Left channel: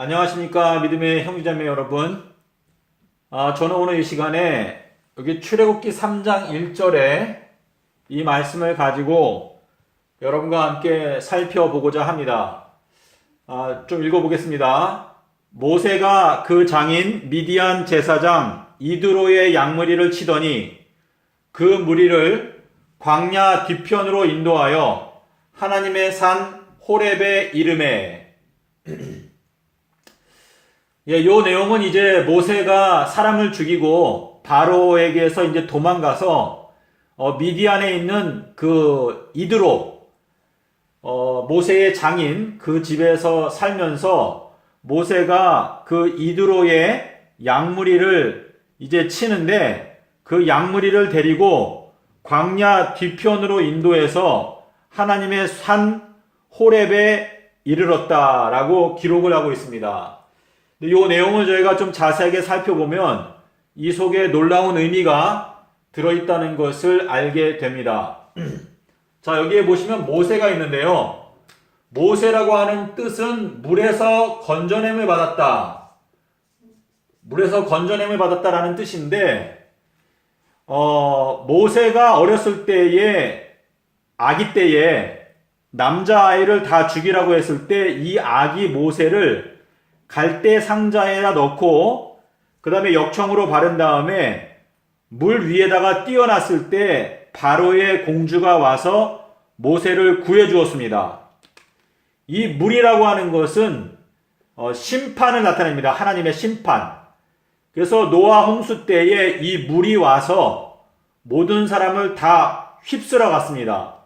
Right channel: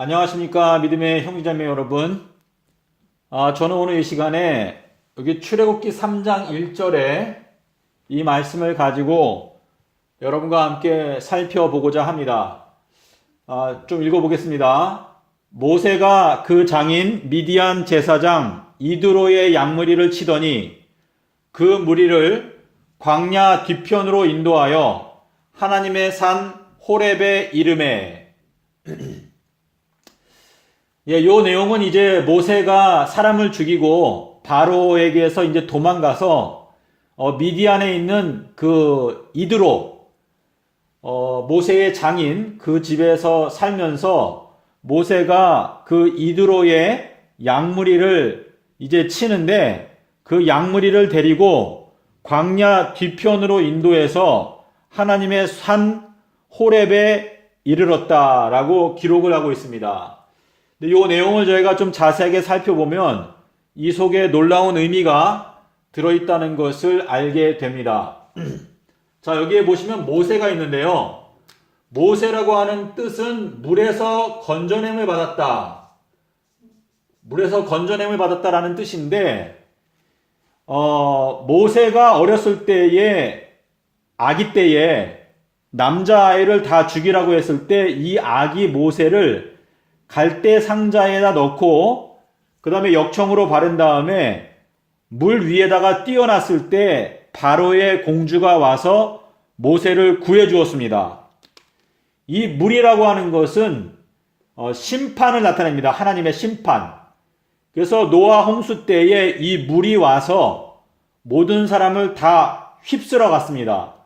안녕하십니까 믿음의 형제자매 여러분. 저는 오늘 이 시간에 여기 출애굽기 3장 1절에 이 말씀을 가지고 여러분과 함께 살펴보고자 합니다. 좀 읽어보겠습니다. 모세가 그 장인 미디안 제사장 이드로의 양무리를 치더니 그 무리를 광야 뒤편으로 인도하여 하나님의 산 호렙에 이르매. 요 내용은 이제 모세가 사람을 죽이고 바로에게서 이제 도망가서 미디안에 있는 그 이드로 모세의 장인 그 집에서 살면서 모세가 그 이드로의 양무리를 이제 치는데 그 양무리를 데리고 광야 뒤편으로 인도해서 하나님의 산 호렙에 이르렀다라고 기록을 하고 있습니다. 이 내용을 저희가 좀 자세하게 살펴보면 이 속에 놀라운 의미가 들어있다는 것을 알게 됩니다. 자, 여기에 보시면 모세가 있는데요. 모세라고 하는 뜻은 물에서 건져냄을 받았다. 물에서 건져냄을 받았다라는 뜻인데, 모세가 어렸을 때에, 아기 때에 남자아이를 다 죽이라고 했을 때 이 아기 모세를 갈대 상자에다 넣고 그 다음에 역청으로 바른 다음에 물 위에다가 띄워놨을 때 바로의 공주가 와서 모세를 구해 주었습니다. 이 물이라고 하는 것은 심판을 나타냅니다. 하나님의 심판. 그래서 노아 홍수 때에 이 물이 와서 모든 사람을 다 휩쓸어 갔습니다.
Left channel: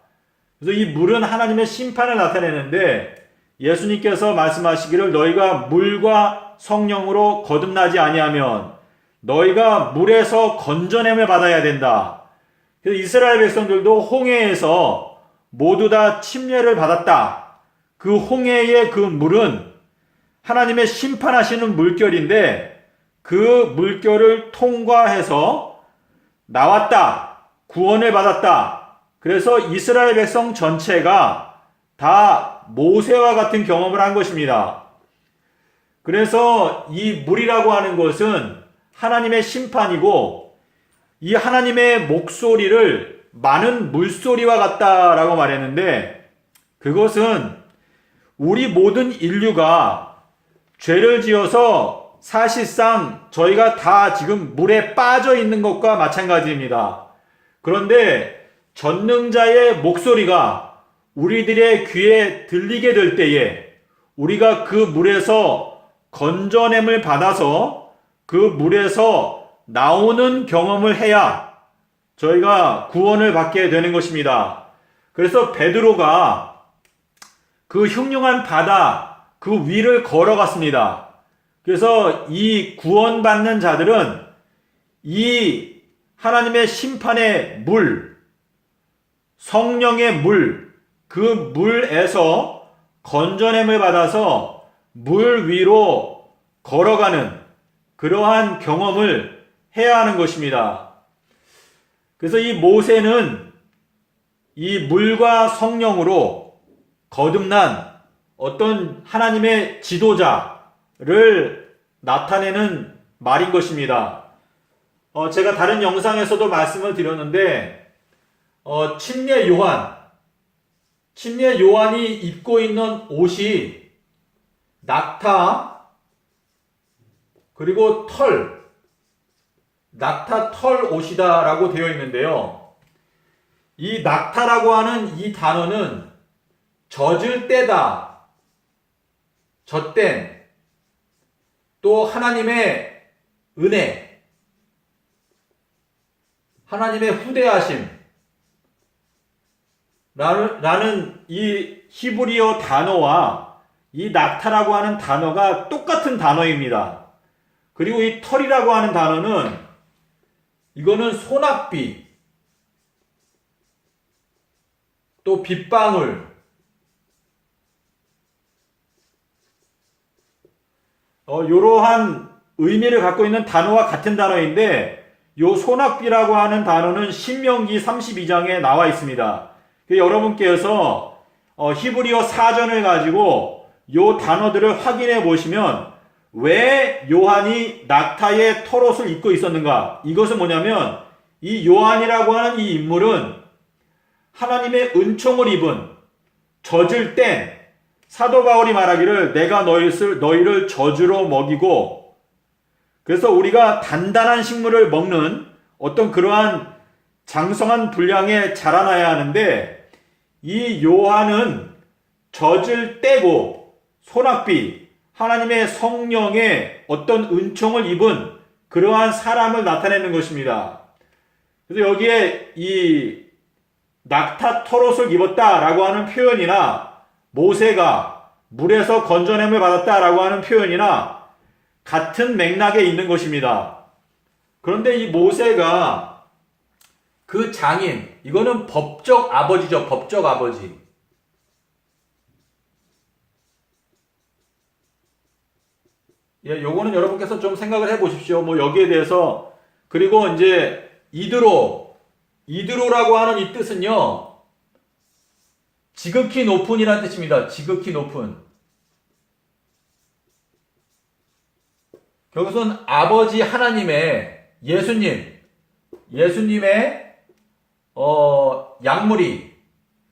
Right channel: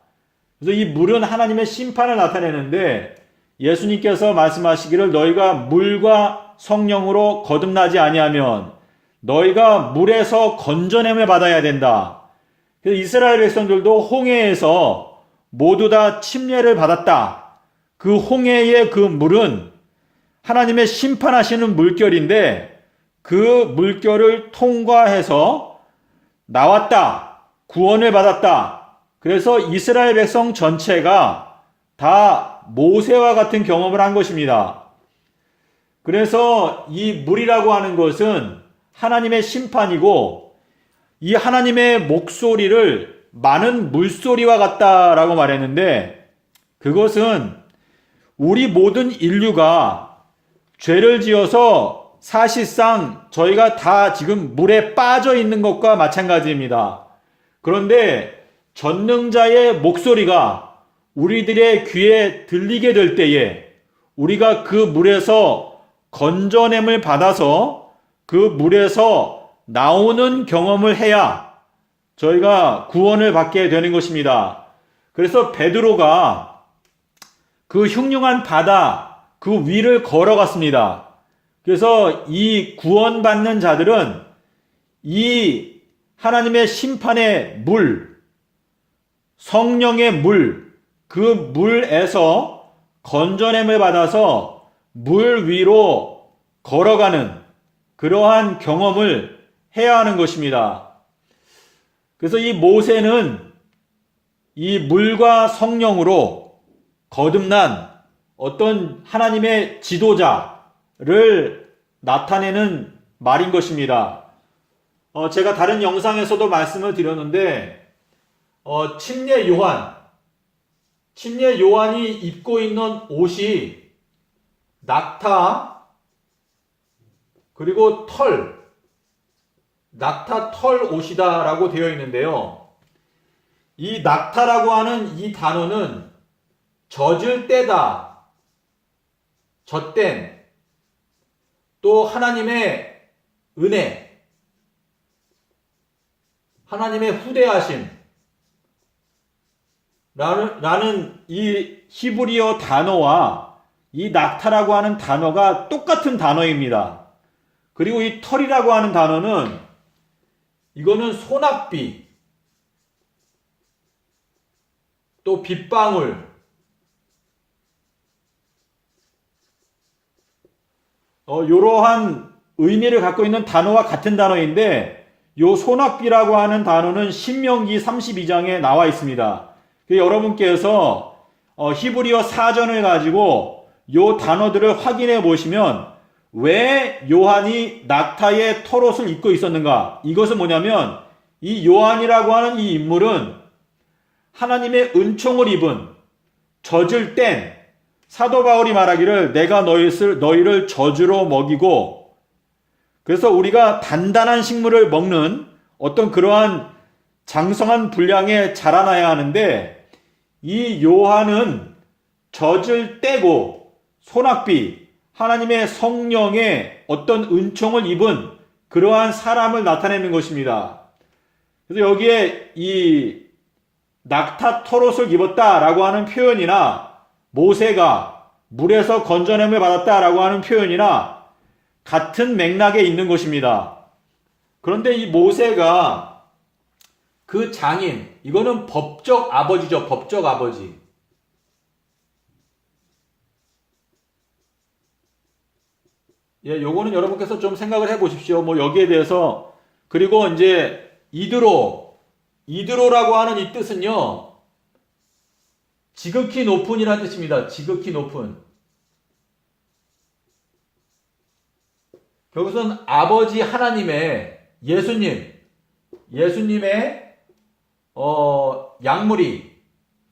그래서 이 물은 하나님의 심판을 나타내는데 예수님께서 말씀하시기를 너희가 물과 성령으로 거듭나지 아니하면 너희가 물에서 건져냄을 받아야 된다. 그래서 이스라엘 백성들도 홍해에서 모두 다 침례를 받았다. 그 홍해의 그 물은 하나님의 심판하시는 물결인데 그 물결을 통과해서 나왔다. 구원을 받았다. 그래서 이스라엘 백성 전체가 다 모세와 같은 경험을 한 것입니다. 그래서 이 물이라고 하는 것은 하나님의 심판이고 이 하나님의 목소리를 많은 물소리와 같다라고 말했는데 그것은 우리 모든 인류가 죄를 지어서 사실상 저희가 다 지금 물에 빠져 있는 것과 마찬가지입니다. 그런데 전능자의 목소리가 우리들의 귀에 들리게 될 때에 우리가 그 물에서 건져냄을 받아서 그 물에서 나오는 경험을 해야 저희가 구원을 받게 되는 것입니다. 그래서 베드로가 그 흉흉한 바다 그 위를 걸어갔습니다. 그래서 이 구원받는 자들은 이 하나님의 심판의 물, 성령의 물, 그 물에서 건져냄을 받아서 물 위로 걸어가는 그러한 경험을 해야 하는 것입니다. 그래서 이 모세는 이 물과 성령으로 거듭난 어떤 하나님의 지도자를 나타내는 말인 것입니다. 제가 다른 영상에서도 말씀을 드렸는데 침례 요한이 입고 있는 옷이 낙타 그리고 낙타 털 옷이다라고 되어 있는데요. 이 낙타라고 하는 이 단어는 젖을 떼다, 젖된, 또 하나님의 은혜, 하나님의 후대하심, 라는 이 히브리어 단어와 이 낙타라고 하는 단어가 똑같은 단어입니다. 그리고 이 털이라고 하는 단어는 이거는 소낙비, 또 빗방울, 이러한 의미를 갖고 있는 단어와 같은 단어인데 요 소낙비라고 하는 단어는 신명기 32장에 나와 있습니다. 여러분께서 히브리어 사전을 가지고 요 단어들을 확인해 보시면 왜 요한이 낙타의 털옷을 입고 있었는가? 이것은 뭐냐면 이 요한이라고 하는 이 인물은 하나님의 은총을 입은 젖을 뗀 사도 바울이 말하기를 내가 너희를 젖으로 먹이고, 그래서 우리가 단단한 식물을 먹는 어떤 그러한 장성한 분량에 자라나야 하는데, 이 요한은 젖을 떼고 소낙비 하나님의 성령의 어떤 은총을 입은 그러한 사람을 나타내는 것입니다. 그래서 여기에 이 낙타 털옷을 입었다라고 하는 표현이나 모세가 물에서 건져냄을 받았다라고 하는 표현이나 같은 맥락에 있는 것입니다. 그런데 이 모세가 그 장인, 이거는 법적 아버지죠. 법적 아버지. 예, 요거는 여러분께서 좀 생각을 해 보십시오. 뭐 여기에 대해서. 그리고 이제 이드로라고 하는 이 뜻은요, 지극히 높은이라는 뜻입니다. 지극히 높은. 여기서는 아버지 하나님의 예수님의 약물이.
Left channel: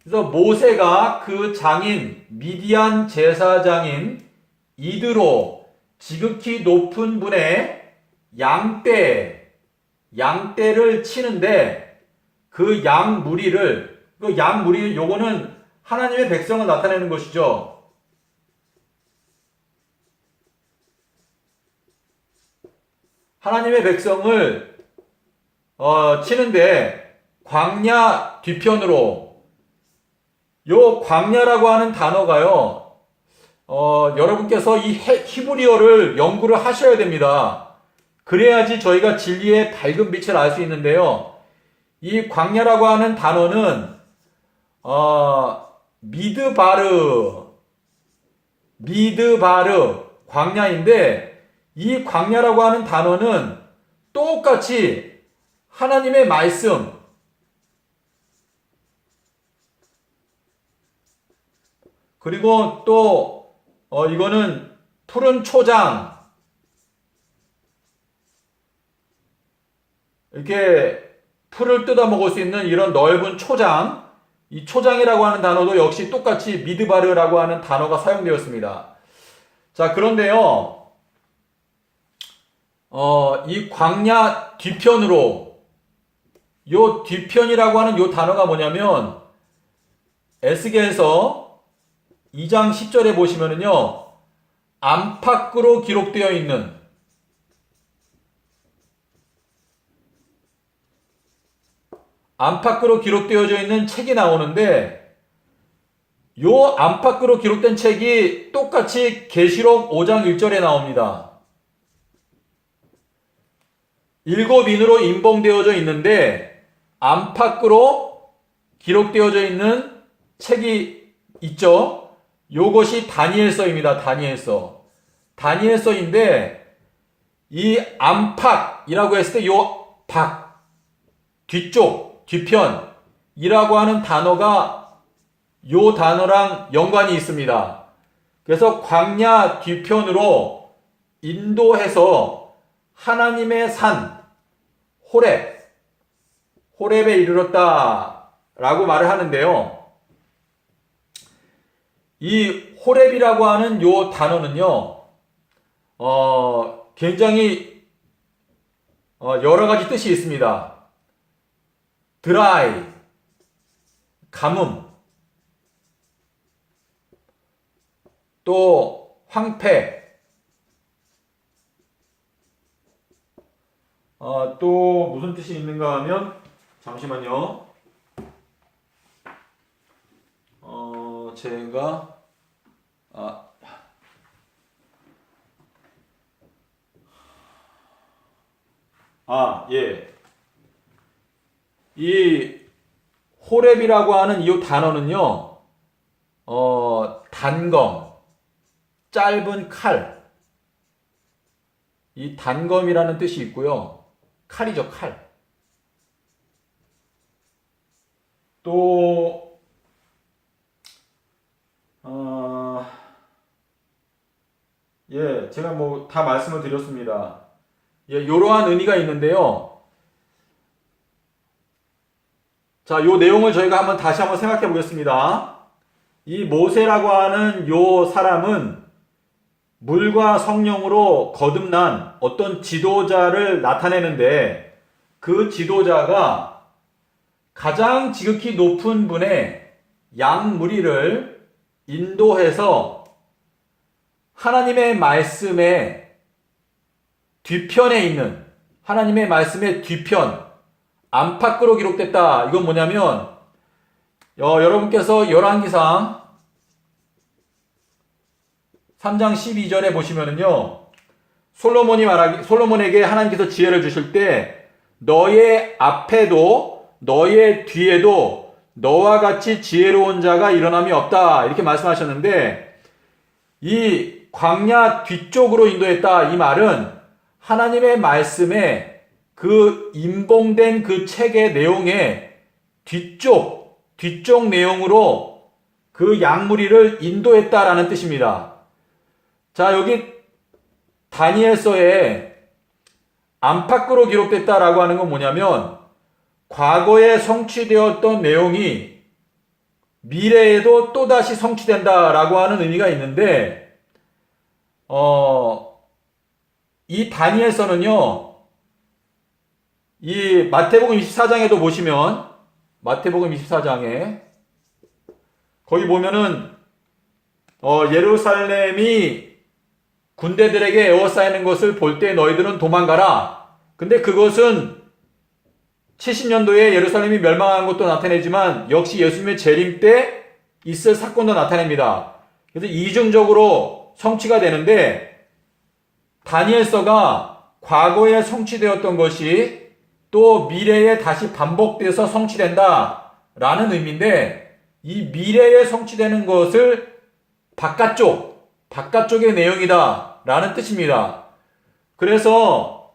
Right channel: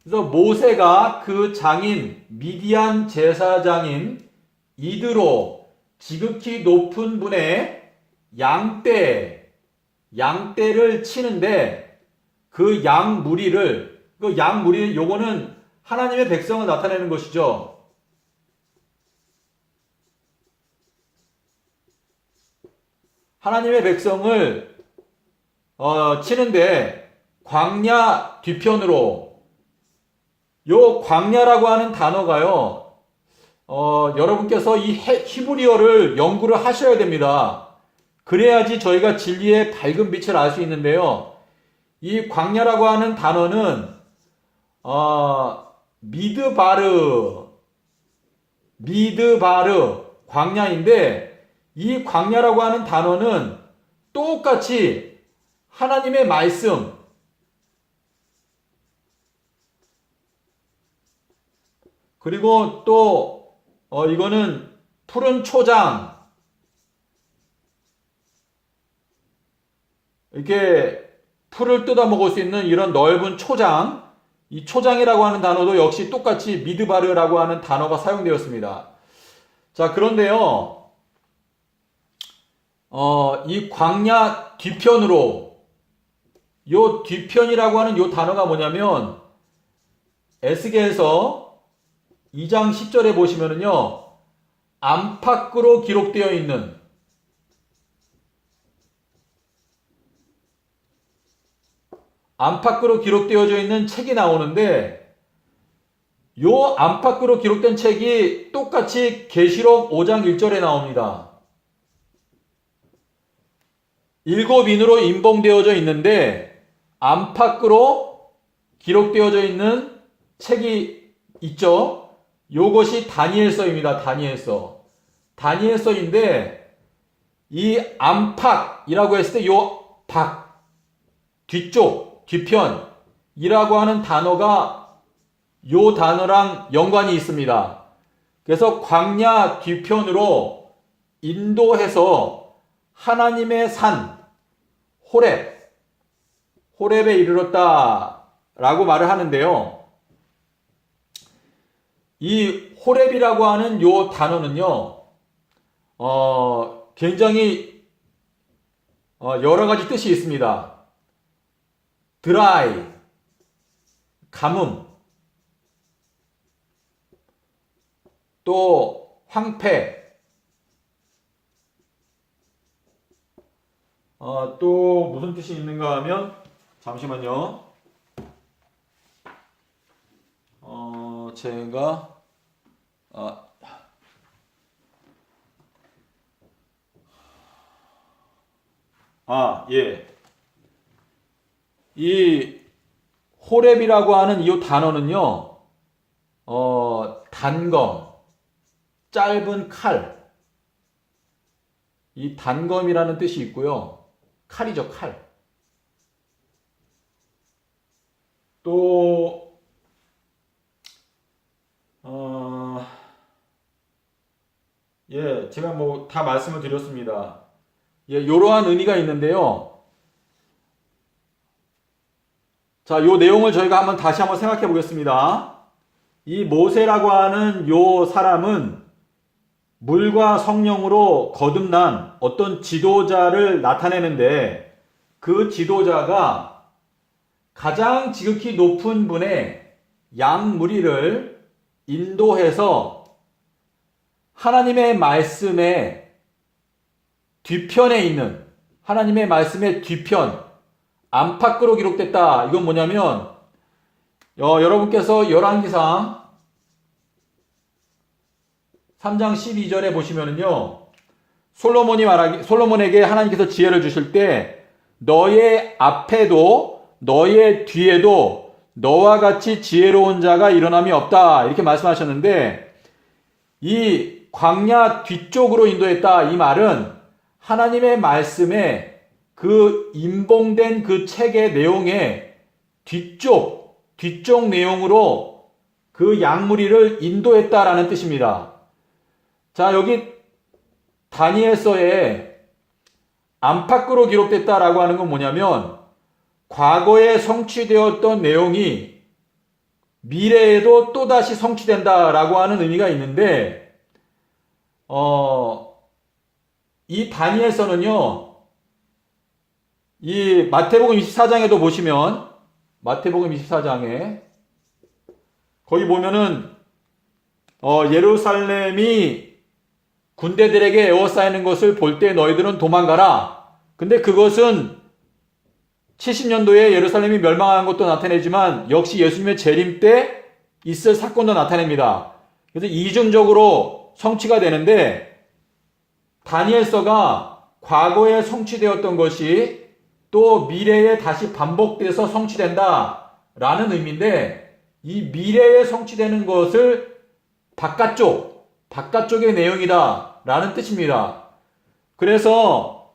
그래서 모세가 그 장인 미디안 제사장인 이드로, 지극히 높은 분의 양떼를 치는데 그 양무리는 요거는 하나님의 백성을 나타내는 것이죠. 하나님의 백성을 치는데 광야 뒤편으로, 요 광야라고 하는 단어가요, 여러분께서 이 히브리어를 연구를 하셔야 됩니다. 그래야지 저희가 진리의 밝은 빛을 알 수 있는데요. 이 광야라고 하는 단어는 미드바르 광야인데, 이 광야라고 하는 단어는 똑같이 하나님의 말씀, 그리고 또 이거는 푸른 초장, 이렇게 풀을 뜯어 먹을 수 있는 이런 넓은 초장, 이 초장이라고 하는 단어도 역시 똑같이 미드바르라고 하는 단어가 사용되었습니다. 자, 그런데요, 이 광야 뒤편으로, 요 뒤편이라고 하는 요 단어가 뭐냐면, 에스겔서 2장 10절에 보시면은요, 안팎으로 기록되어 있는, 안팎으로 기록되어져 있는 책이 나오는데, 요 안팎으로 기록된 책이 똑같이 계시록 5장 1절에 나옵니다. 7인으로 인봉되어져 있는데 안팎으로 기록되어져 있는 책이 있죠. 요것이 다니엘서입니다. 다니엘서인데, 이 안팎이라고 했을 때 요 밖, 뒤쪽, 뒤편이라고 하는 단어가 요 단어랑 연관이 있습니다. 그래서 광야 뒤편으로 인도해서 하나님의 산 호렙에 이르렀다 라고 말을 하는데요. 이 호렙이라고 하는 요 단어는요, 굉장히 여러 가지 뜻이 있습니다. 드라이, 가뭄, 또 황폐, 또 무슨 뜻이 있는가 하면, 잠시만요. 제가 예. 이 호렙이라고 하는 이 단어는요, 단검, 짧은 칼, 이 단검이라는 뜻이 있고요. 칼이죠, 칼. 또 예, 제가 뭐 다 말씀을 드렸습니다. 예, 이러한 의미가 있는데요. 자, 요 내용을 저희가 한번 다시 한번 생각해 보겠습니다. 이 모세라고 하는 요 사람은 물과 성령으로 거듭난 어떤 지도자를 나타내는데 그 지도자가 가장 지극히 높은 분의 양무리를 인도해서 하나님의 말씀의 뒤편에 있는 하나님의 말씀의 뒤편 안팎으로 기록됐다. 이건 뭐냐면 여러분께서 열왕기상 3장 12절에 보시면은요. 솔로몬에게 하나님께서 지혜를 주실 때 너의 앞에도 너의 뒤에도 너와 같이 지혜로운 자가 일어남이 없다. 이렇게 말씀하셨는데 이 광야 뒤쪽으로 인도했다. 이 말은 하나님의 말씀에 그 임봉된 그 책의 내용에 뒤쪽 내용으로 그 양무리를 인도했다라는 뜻입니다. 자, 여기 다니엘서에 안팎으로 기록됐다라고 하는 건 뭐냐면 과거에 성취되었던 내용이 미래에도 또다시 성취된다라고 하는 의미가 있는데 이 다니엘서는요. 이 마태복음 24장에도 보시면 마태복음 24장에 거기 보면은 예루살렘이 군대들에게 에워싸이는 것을 볼 때 너희들은 도망가라. 근데 그것은 70년도에 예루살렘이 멸망한 것도 나타내지만 역시 예수님의 재림 때 있을 사건도 나타냅니다. 그래서 이중적으로 성취가 되는데 다니엘서가 과거에 성취되었던 것이 또 미래에 다시 반복돼서 성취된다 라는 의미인데 이 미래에 성취되는 것을 바깥쪽의 내용이다 라는 뜻입니다. 그래서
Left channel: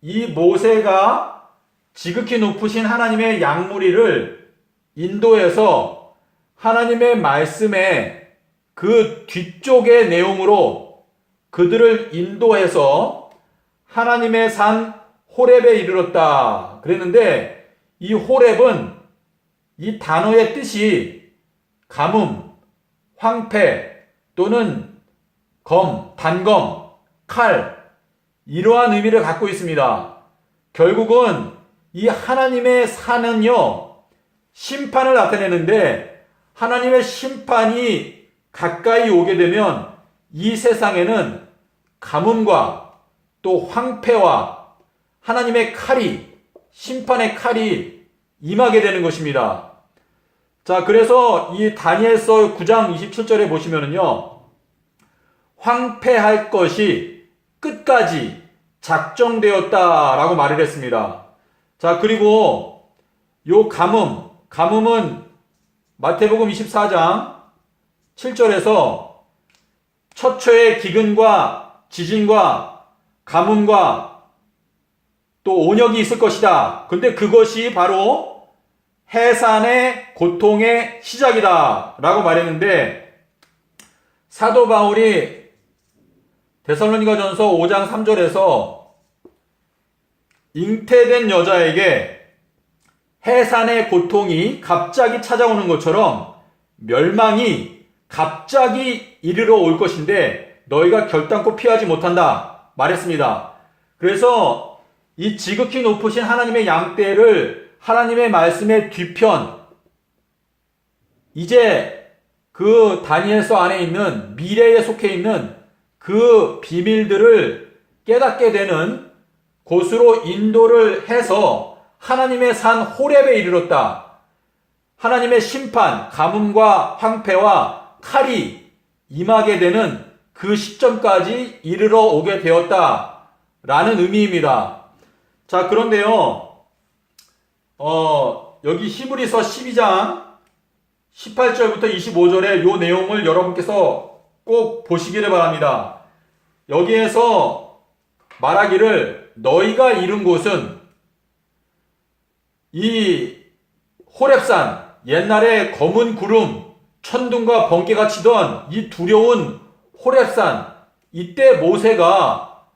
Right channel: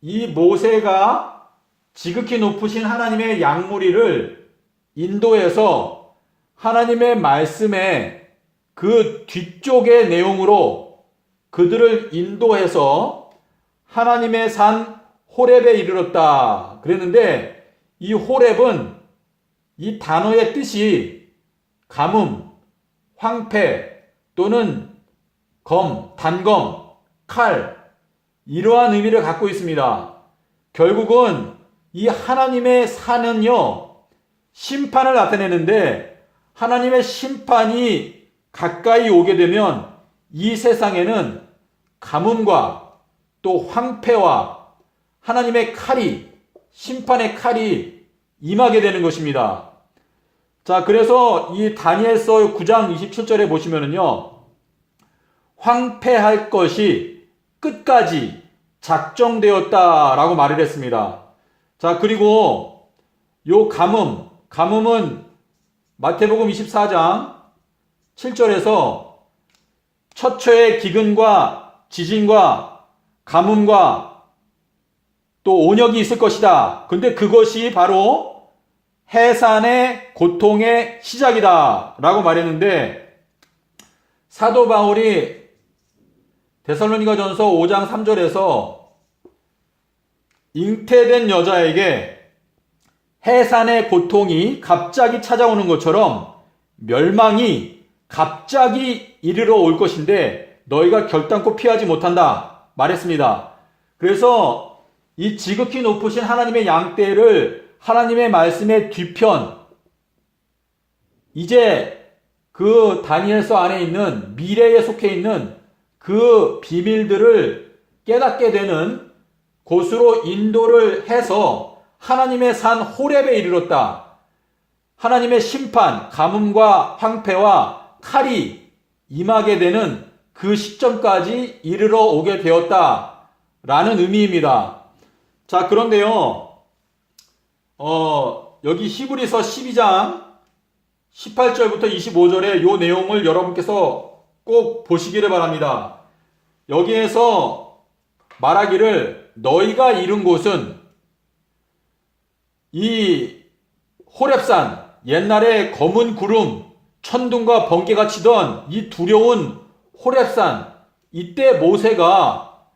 이 모세가 지극히 높으신 하나님의 양무리를 인도해서 하나님의 말씀의 그 뒤쪽의 내용으로 그들을 인도해서 하나님의 산 호렙에 이르렀다. 그랬는데 이 호렙은 이 단어의 뜻이 가뭄, 황폐 또는 단검, 칼 이러한 의미를 갖고 있습니다. 결국은 이 하나님의 산은요 심판을 나타내는데 하나님의 심판이 가까이 오게 되면 이 세상에는 가뭄과 또 황폐와 하나님의 칼이 심판의 칼이 임하게 되는 것입니다. 자, 그래서 이 다니엘서 9장 27절에 보시면은요. 황폐할 것이 끝까지 작정되었다라고 말을 했습니다. 자, 그리고 요 가뭄은 마태복음 24장 7절에서 처처의 기근과 지진과 가뭄과 또 온역이 있을 것이다. 근데 그것이 바로 해산의 고통의 시작이다 라고 말했는데 사도 바울이 데살로니가전서 5장 3절에서 잉태된 여자에게 해산의 고통이 갑자기 찾아오는 것처럼 멸망이 갑자기 이르러 올 것인데 너희가 결단코 피하지 못한다 말했습니다. 그래서 이 지극히 높으신 하나님의 양떼를 하나님의 말씀의 뒤편 이제 그 다니엘서 안에 있는 미래에 속해 있는 그 비밀들을 깨닫게 되는 곳으로 인도를 해서 하나님의 산 호렙에 이르렀다. 하나님의 심판, 가뭄과 황폐와 칼이 임하게 되는 그 시점까지 이르러 오게 되었다 라는 의미입니다. 자, 그런데요, 여기 히브리서 12장 18절부터 25절의 요 내용을 여러분께서 꼭 보시기를 바랍니다. 여기에서 말하기를 너희가 이른 곳은 이 호렙산, 옛날에 검은 구름, 천둥과 번개가 치던 이 두려운 호렙산, 이때 모세가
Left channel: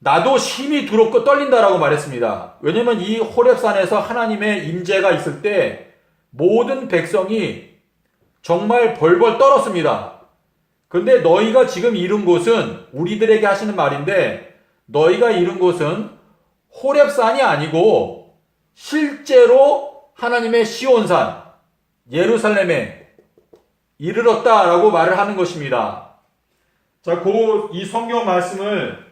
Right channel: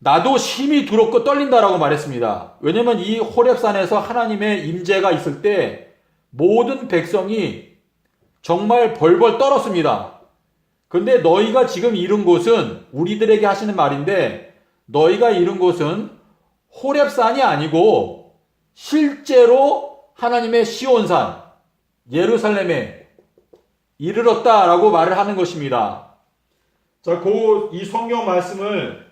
나도 심히 두렵고 떨린다라고 말했습니다. 왜냐면 이 호렙산에서 하나님의 임재가 있을 때 모든 백성이 정말 벌벌 떨었습니다. 그런데 너희가 지금 이룬 곳은, 우리들에게 하시는 말인데, 너희가 이룬 곳은 호렙산이 아니고 실제로 하나님의 시온산 예루살렘에 이르렀다라고 말을 하는 것입니다. 자, 이 성경 말씀을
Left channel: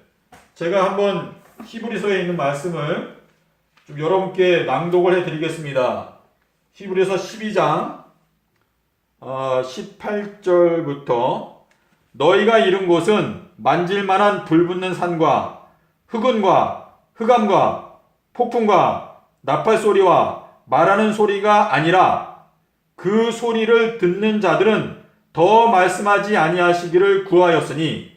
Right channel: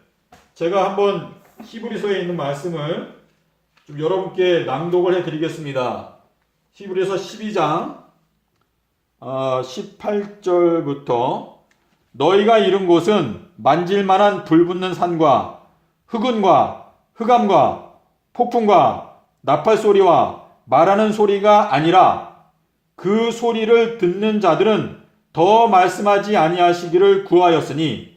제가 한번 히브리서에 있는 말씀을 좀 여러분께 낭독을 해드리겠습니다. 히브리서 12장 18절부터 너희가 이룬 곳은 만질만한 불붙는 산과 흑은과 흑암과 폭풍과 나팔 소리와 말하는 소리가 아니라 그 소리를 듣는 자들은 더 말씀하지 아니하시기를 구하였으니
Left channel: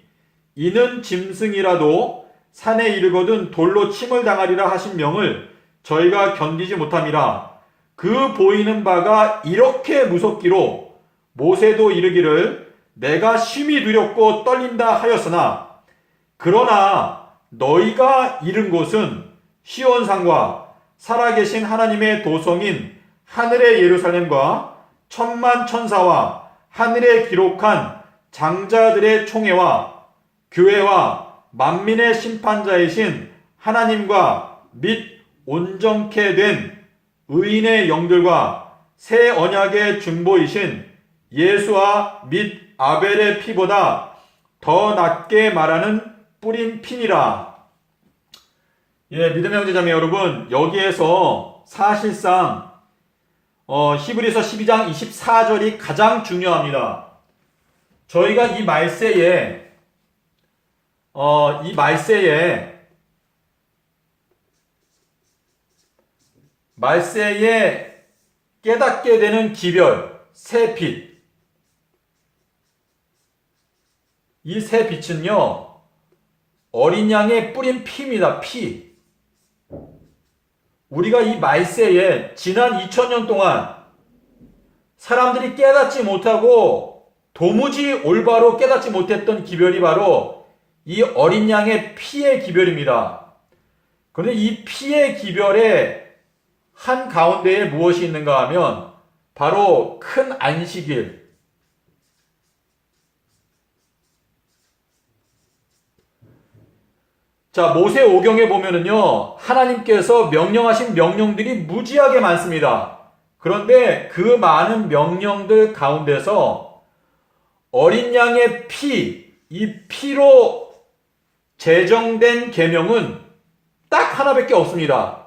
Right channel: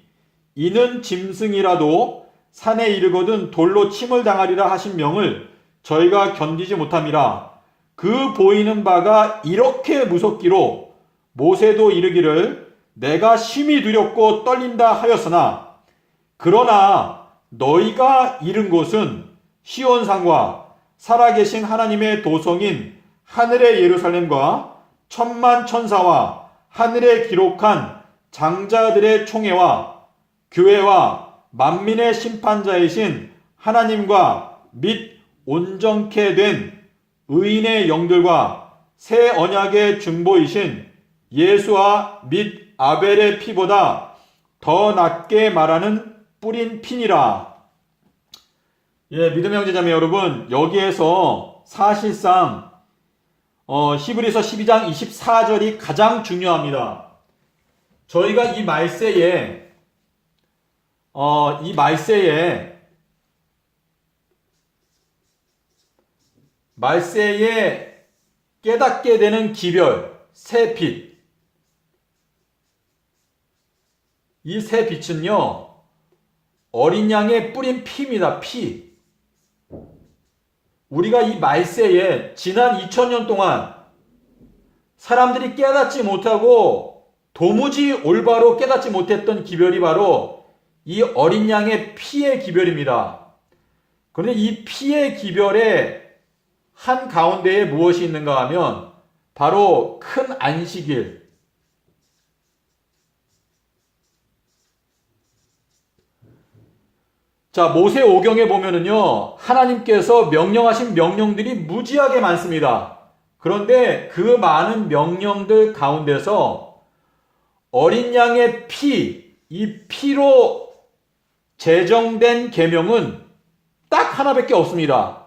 이는 짐승이라도 산에 이르거든 돌로 침을 당하리라 하신 명을 저희가 견디지 못함이라. 그 보이는 바가 이렇게 무섭기로 모세도 이르기를 내가 심히 두렵고 떨린다 하였으나 그러나 너희가 이른 곳은 시온산과 살아계신 하나님의 도성인 하늘의 예루살렘과 천만 천사와 하늘에 기록한 장자들의 총회와 교회와 만민의 심판자이신 하나님과 및 온전케 된 의인의 영들과 새 언약의 중보이신 예수와 및 아벨의 피보다 더 낫게 말하는 뿌린 피니라. 예, 믿음의 형제자매 여러분, 여기에서 사실상 히브리서 12장 24절이 가장 중요합니다. 저희가 이 말세에 깨닫게 되는 기별, 새 빛. 이 새 빛은요, 어린 양의 뿌린 피입니다. 피. 우리가 이 말세에 지난 2000년 동안 사람들이 깨닫지 못하고 도무지 올바로 깨닫지 못했던 기별이 바로 이 어린 양의 피의 기별입니다. 그런데 이 피의 기별의 한 가운데에 무엇이 있는가 하면 바로 큰 안식일. 자, 모세오경에 보면은요, 하나님께서 명령하신 명령들이 무지하게 많습니다. 그런데 그 많은 명령들 가운데서 어린 양의 피, 이 피로 제정된 계명은 딱 하나밖에 없습니다.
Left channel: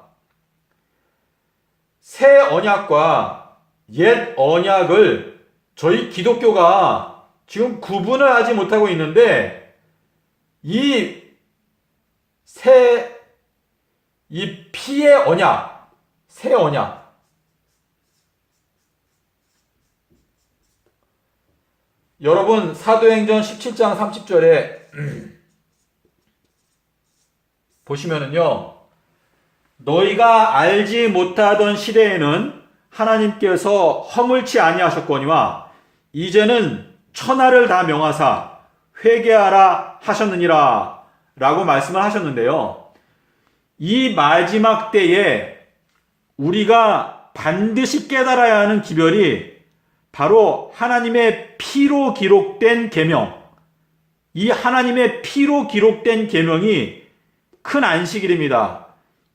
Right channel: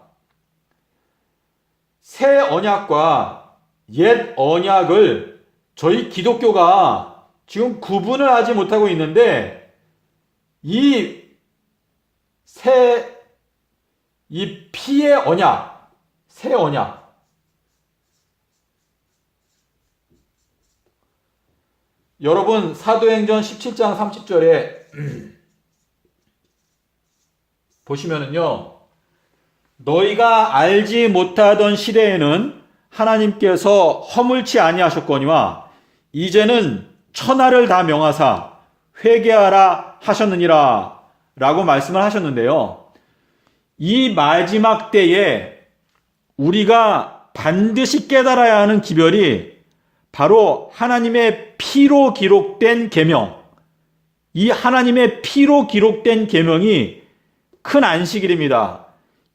새 언약과 옛 언약을 저희 기독교가 지금 구분을 하지 못하고 있는데, 이 피의 언약, 새 언약. 여러분, 사도행전 17장 30절에 보시면은요, 너희가 알지 못하던 시대에는 하나님께서 허물치 아니하셨거니와 이제는 천하를 다 명하사 회개하라 하셨느니라 라고 말씀을 하셨는데요. 이 마지막 때에 우리가 반드시 깨달아야 하는 기별이 바로 하나님의 피로 기록된 계명, 이 하나님의 피로 기록된 계명이 큰 안식일입니다.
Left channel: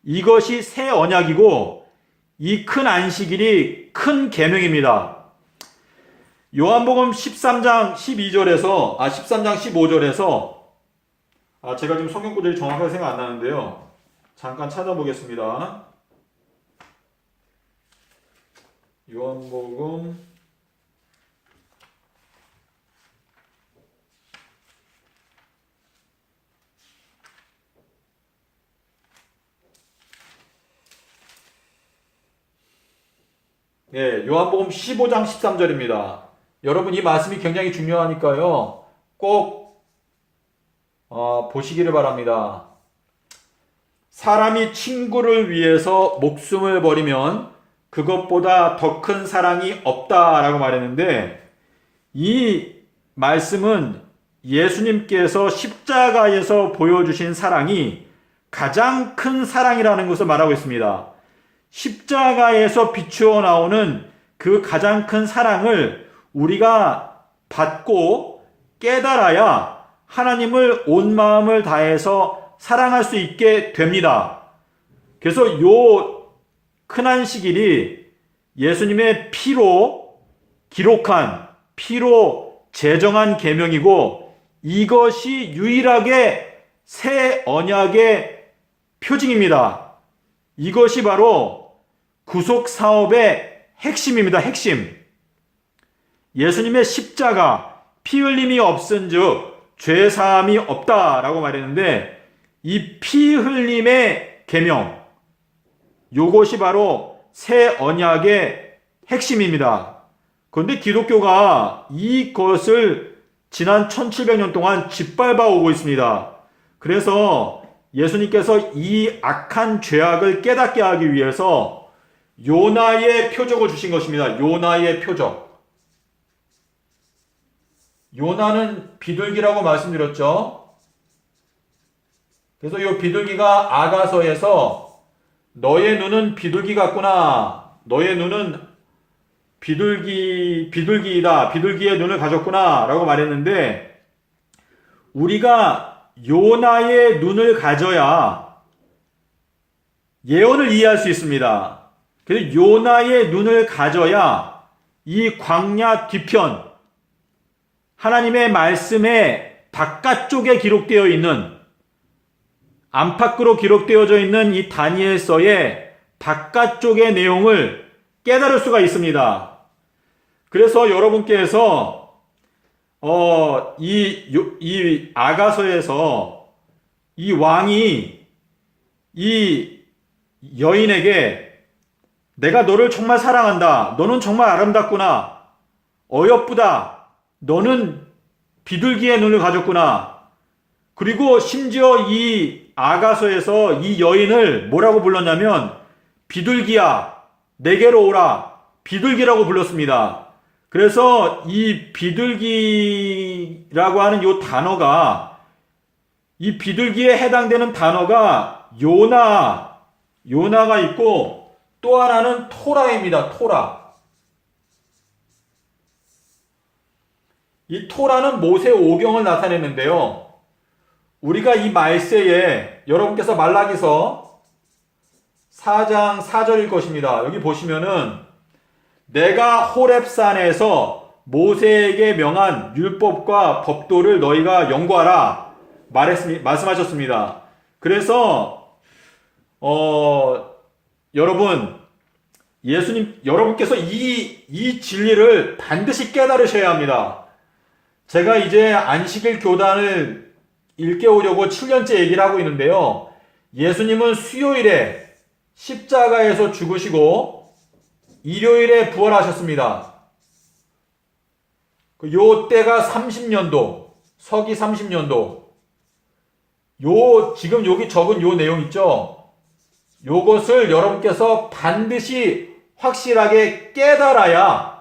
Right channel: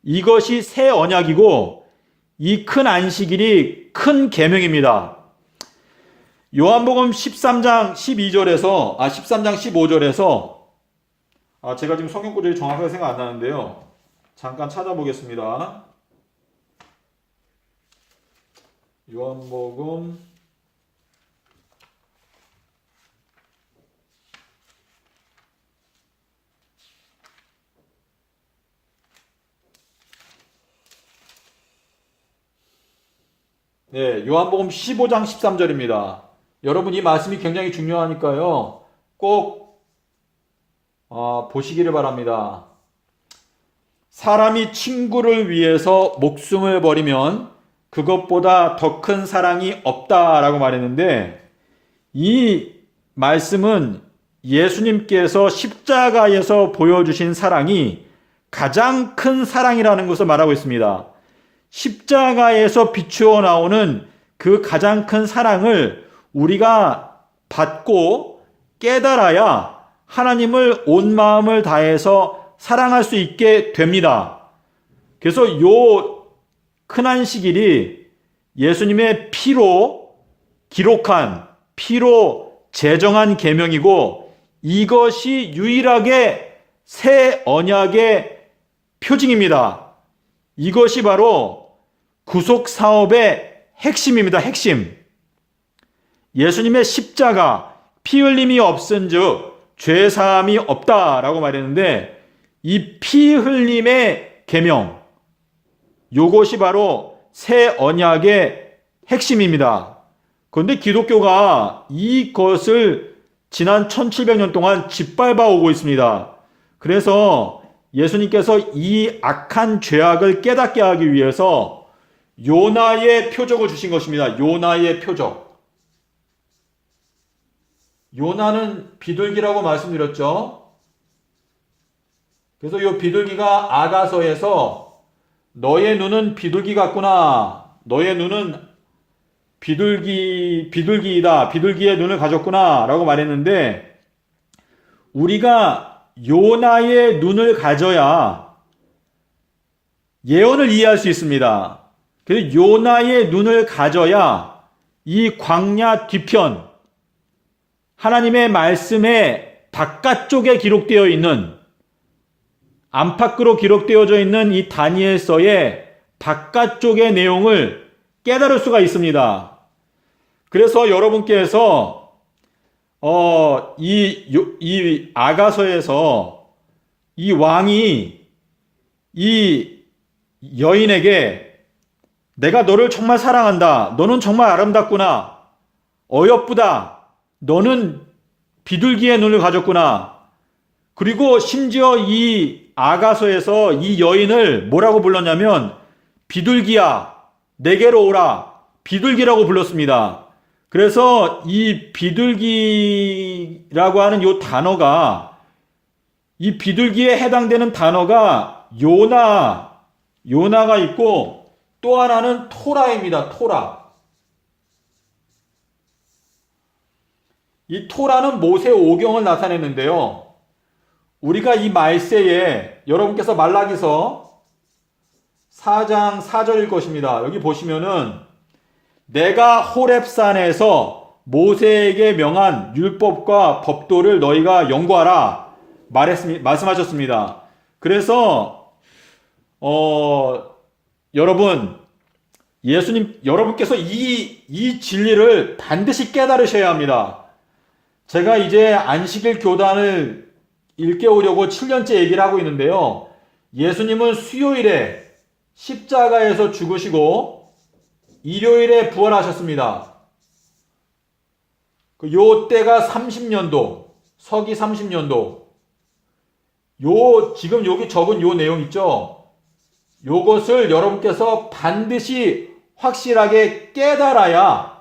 이것이 새 언약이고 이 큰 안식일이 큰 계명입니다. 요한복음 13장 15절에서 제가 지금 성경 구절이 정확하게 생각 안 나는데요. 잠깐 찾아보겠습니다. 요한복음 15장 13절입니다. 여러분, 이 말씀이 굉장히 중요하니까요. 꼭 보시기를 바랍니다. 사람이 친구를 위해서 목숨을 버리면 그것보다 더 큰 사랑이 없다라고 말했는데, 이 말씀은 예수님께서 십자가에서 보여주신 사랑이 가장 큰 사랑이라는 것을 말하고 있습니다. 십자가에서 비추어 나오는 그 가장 큰 사랑을 우리가 받고 깨달아야 하나님을 온 마음을 다해서 사랑할 수 있게 됩니다. 그래서 요 큰안식일이 예수님의 피로 기록한, 피로 제정한 계명이고, 이것이 유일하게 새 언약의 표징입니다. 이것이 바로 구속 사업의 핵심입니다. 핵심. 예수님의 십자가, 피 흘림이 없은즉 죄 사함이 없다라고 말했는데, 이 피 흘림의 계명, 이것이 바로 새 언약의 핵심입니다. 그런데 기독교가 이것을 지난 1700년 동안 짓밟아 오고 있습니다. 그래서 예수님께서 이 악한 죄악을 깨닫게 하기 위해서 요나의 표적을 주신 것입니다. 요나의 표적. 요나는 비둘기라고 말씀드렸죠. 그래서 이 비둘기가 아가서에서 너의 눈은 비둘기 같구나. 너의 눈은 비둘기이다. 비둘기의 눈을 가졌구나. 라고 말했는데, 우리가 요나의 눈을 가져야 예언을 이해할 수 있습니다. 그래서 요나의 눈을 가져야 이 광야 뒤편, 하나님의 말씀의 바깥쪽에 기록되어 있는, 안팎으로 기록되어져 있는 이 다니엘서의 바깥쪽의 내용을 깨달을 수가 있습니다. 그래서 여러분께서 이 아가서에서 이 왕이 이 여인에게 내가 너를 정말 사랑한다. 너는 정말 아름답구나. 어여쁘다. 너는 비둘기의 눈을 가졌구나. 그리고 심지어 이 아가서에서 이 여인을 뭐라고 불렀냐면 비둘기야, 내게로 오라. 비둘기라고 불렀습니다. 그래서 이 비둘기라고 하는 이 단어가, 이 비둘기에 해당되는 단어가 요나가 있고, 또 하나는 토라입니다. 토라. 이 토라는 모세 오경을 나타내는데요. 우리가 이 말세에 여러분께서 말라기서 4장 4절일 것입니다. 여기 보시면은 내가 호렙산에서 모세에게 명한 율법과 법도를 너희가 연구하라 말씀하셨습니다. 그래서 여러분께서 이 진리를 반드시 깨달으셔야 합니다. 제가 이제 안식일 교단을 일깨우려고 7년째 얘기를 하고 있는데요. 예수님은 수요일에 십자가에서 죽으시고 일요일에 부활하셨습니다. 요 때가 30년도, 서기 30년도. 지금 여기 적은 요 내용 있죠? 요것을 여러분께서 반드시 확실하게 깨달아야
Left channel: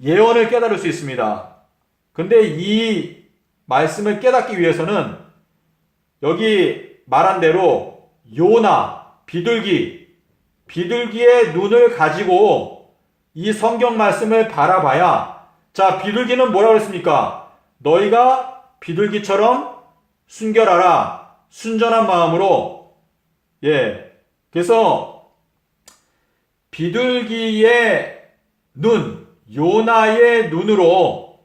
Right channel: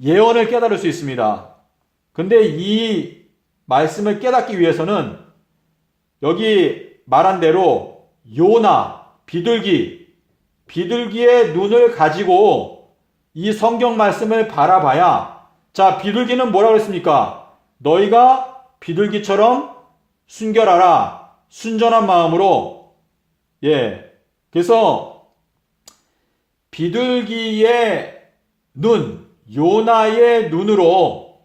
예언을 깨달을 수 있습니다. 근데 이 말씀을 깨닫기 위해서는 여기 말한 대로 요나, 비둘기의 눈을 가지고 이 성경 말씀을 바라봐야, 자, 비둘기는 뭐라고 했습니까? 너희가 비둘기처럼 순결하라. 순전한 마음으로. 그래서 비둘기의 눈, 요나의 눈으로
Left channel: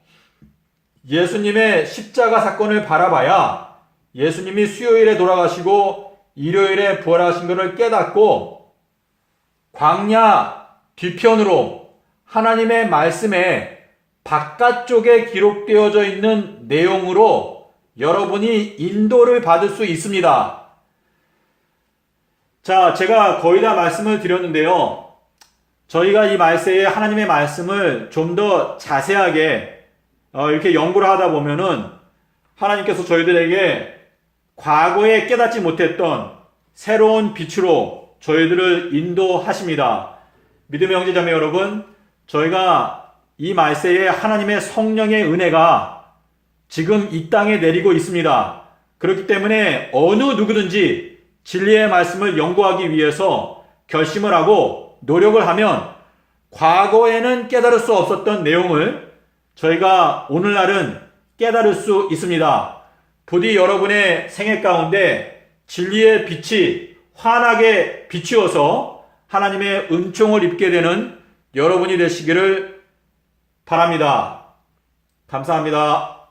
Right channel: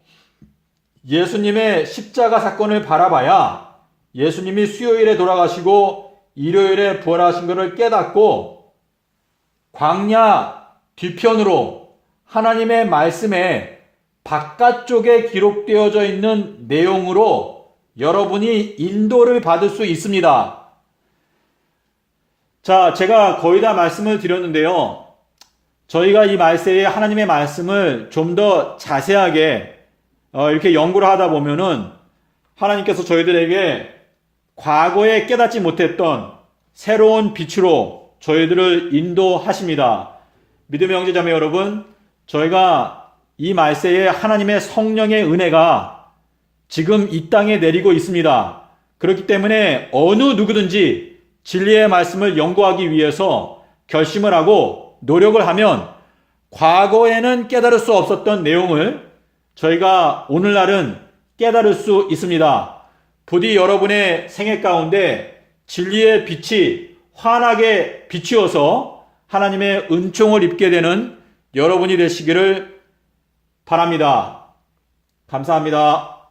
예수님의 십자가 사건을 바라봐야 예수님이 수요일에 돌아가시고 일요일에 부활하신 것을 깨닫고 광야 뒤편으로 하나님의 말씀에 바깥쪽에 기록되어져 있는 내용으로 여러분이 인도를 받을 수 있습니다. 자, 제가 거의 다 말씀을 드렸는데요. 저희가 이 말세에 하나님의 말씀을 좀 더 자세하게 이렇게 연구를 하다 보면은 하나님께서 저희들에게 과거에 깨닫지 못했던 새로운 빛으로 저희들을 인도하십니다. 믿음의 형제자매 여러분, 저희가 이 말세에 하나님의 성령의 은혜가 지금 이 땅에 내리고 있습니다. 그렇기 때문에 어느 누구든지 진리의 말씀을 연구하기 위해서 결심을 하고 노력을 하면 과거에는 깨달을 수 없었던 내용을 저희가 오늘날은 깨달을 수 있습니다. 부디 여러분의 생애 가운데 진리의 빛이 환하게 비추어서 하나님의 은총을 입게 되는 여러분이 되시기를 바랍니다. 감사합니다.